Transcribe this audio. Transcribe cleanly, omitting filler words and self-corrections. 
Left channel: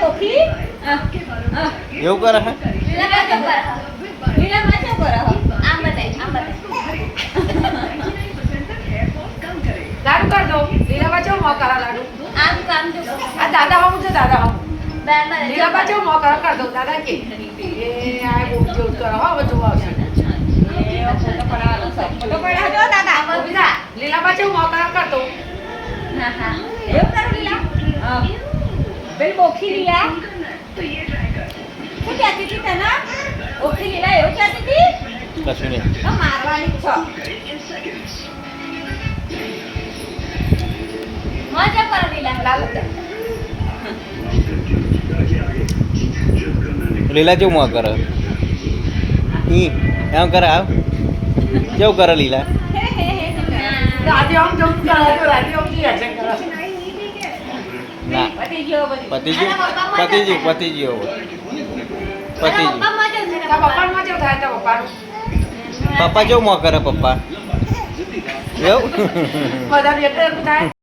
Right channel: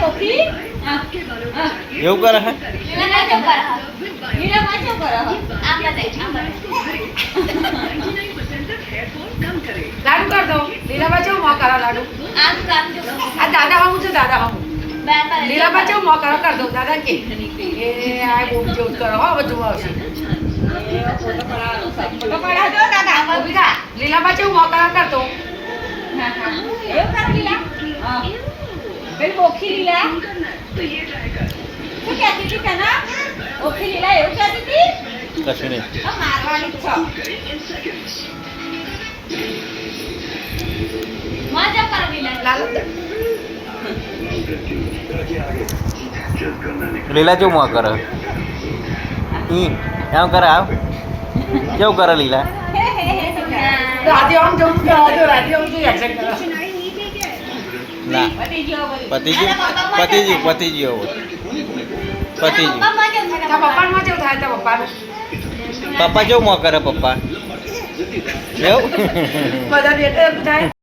coffee એવું કરે હે લીલા માચો કરે આમ બતાય લાડુ કર દો લીલાબા જેવું મોં કરો લાડુ આમ કામ જો આ દાદા હમું છે દાદા હમું બેન લીલાબા જેવું મોં કર દો દાદા કે એ આ બહુ જેવું કરો હો બધું આવશે ફોટો પડાવવાનો છે ફોટો પડાવજો દાદા બીજા લીલાબા જેવું મોં કર દો હા હા એવું કરો લીલા હા પેલી બોખી લીલા શું કહેતી હતી તને બોખી લીલા એવું કહેતી હતી કશું નહીં હા મારવાની જ છો મજા પર લીલા લાલ લીલા જેવું મોં કરે એમ કરે આવ કેવું કરે લીલા રાધે આમ જવું કરાવજો રાધે આમ થી એક્શન કરો ના પતી ગયો બધી પતી ગયું પતી ગયું પતી ગયું પતી ગયું પપ્પા મજા તા પપ્પાનું માં જેવું થાય તા પપ્પાનું પપ્પા કેવું મોં કરે પપ્પા એવું બધાનું એક જ થાય